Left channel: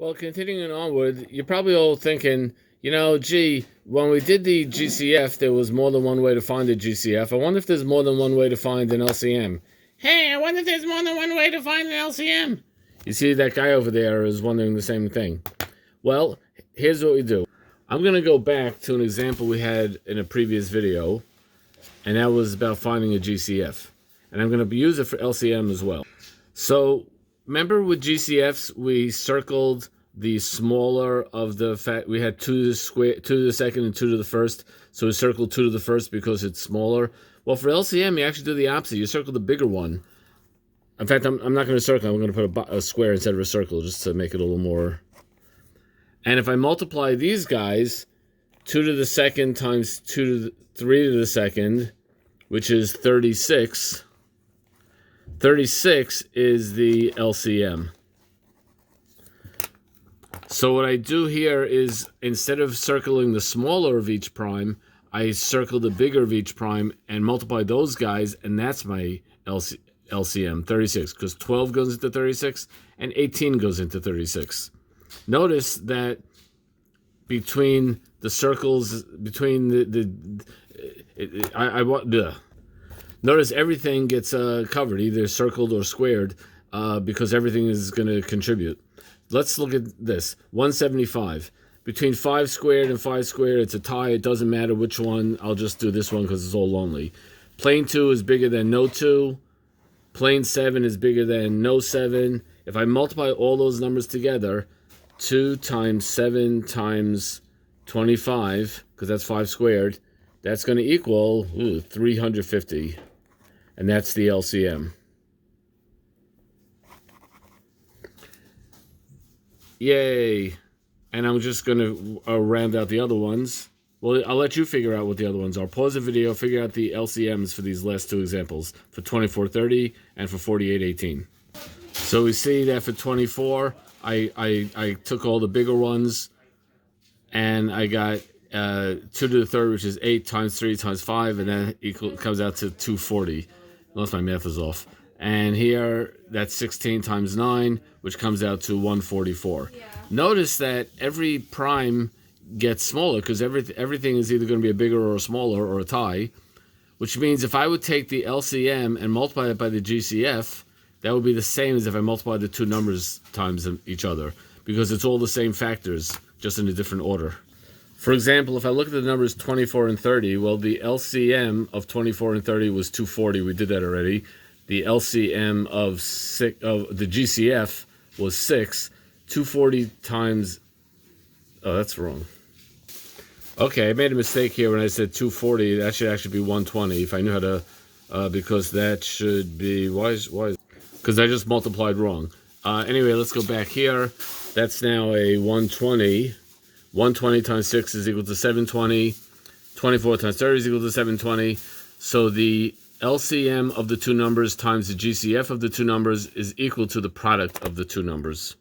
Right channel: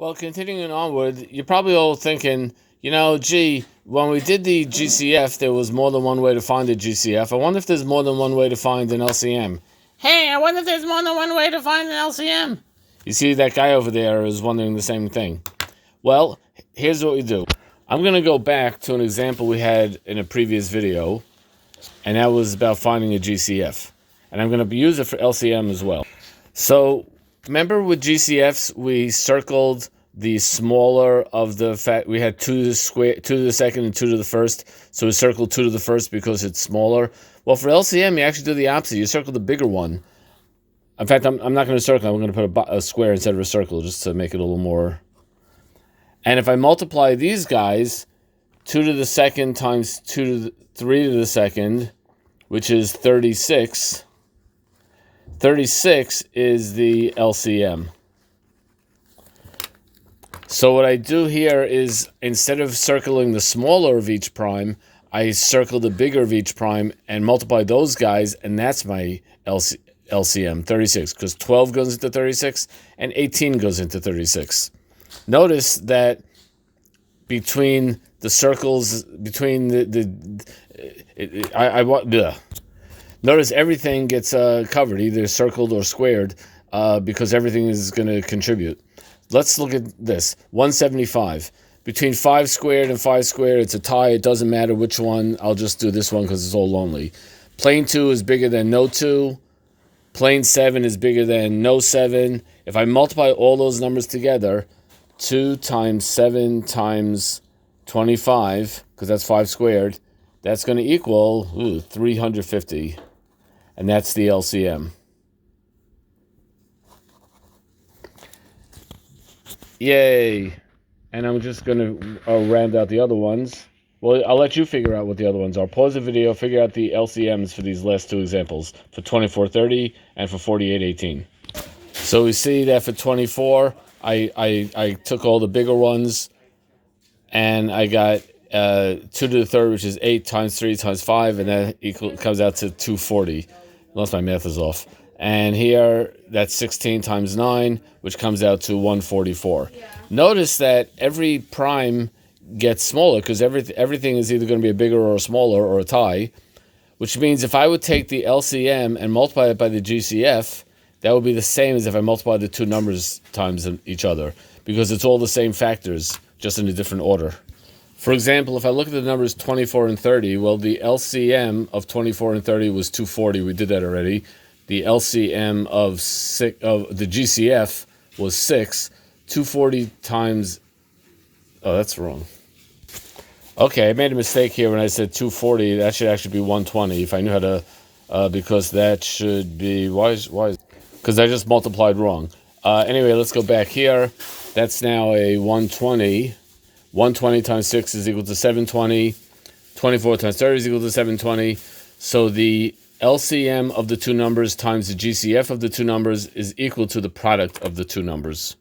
Well, continuing onward, you're probably all thinking, gee, when we did the GCF, there was more than one way to find a GCF. I wonder if there's more than one way to find an LCM. Hey, I wonder if there's more than one way to find an LCM. You see, that guy over there is wondering the same thing. Well, here's what we do. I'm going to go back to an example we had in a previous video, and that was about finding a GCF. And I'm going to use it for LCM as well. So, remember with GCFs, we circled the smaller of the fact we had 2 to the second and 2 to the first. So we circled 2 to the first because it's smaller. Well, for LCM, you actually do the opposite. You circle the bigger one. In fact, I'm not going to circle. I'm going to put a square instead of a circle just to make it a little more. And if I multiply these guys, 2 to the second times 3 to the second, which is 36. 36 is the LCM. So what I do here is, instead of circling the smaller of each prime, I circle the bigger of each prime and multiply those guys, and that's my LCM, 36, because 12 goes into 36 and 18 goes into 36. Notice that between the circles, between notice everything gets covered, either circled or squared, because everything is going to contribute. Let's look at this. 175. Between 5 squared and 5 squared, it's a tie. It doesn't matter which one. I'll just do this one because it's all lonely. Plane 2 is bigger than no 2. Plane 7 is bigger than no 7. If I multiply all those numbers together, 2 times 7 times 25, because that's 5 squared, that's going to equal 350. And that's the LCM. Yay. And I'm just going to round out the other ones. Well, I'll let you figure out what the other ones are. Pause the video, figure out the LCMs for these last 2 examples, for 2430 and for 4818. So we see that for 24, I took all the bigger ones, and I got 2 to the third, which is 8 times 3 times 5, and that comes out to 240, unless my math is off. And here, that's 16 times 9, which comes out to 144. Yeah. Notice that every prime gets smaller, because everything is either going to be a bigger or a smaller or a tie, which means if I would take the LCM and multiply it by the GCF, that would be the same as if I multiplied the 2 numbers times each other, because it's all the same factors, just in a different order. For example, if I look at the numbers 24 and 30, well, the LCM of 24 and 30 was 240. We did that already. The LCM of the GCF was 6. 240 times... Oh, that's wrong. Okay, I made a mistake here when I said 240. That should actually be 120 if I knew how to... because that should be... Why? Because I just multiplied wrong. Anyway, let's go back here. That's now a 120. 120 times 6 is equal to 720. 24 times 30 is equal to 720. So the LCM of the 2 numbers times the GCF of the 2 numbers is equal to the product of the 2 numbers.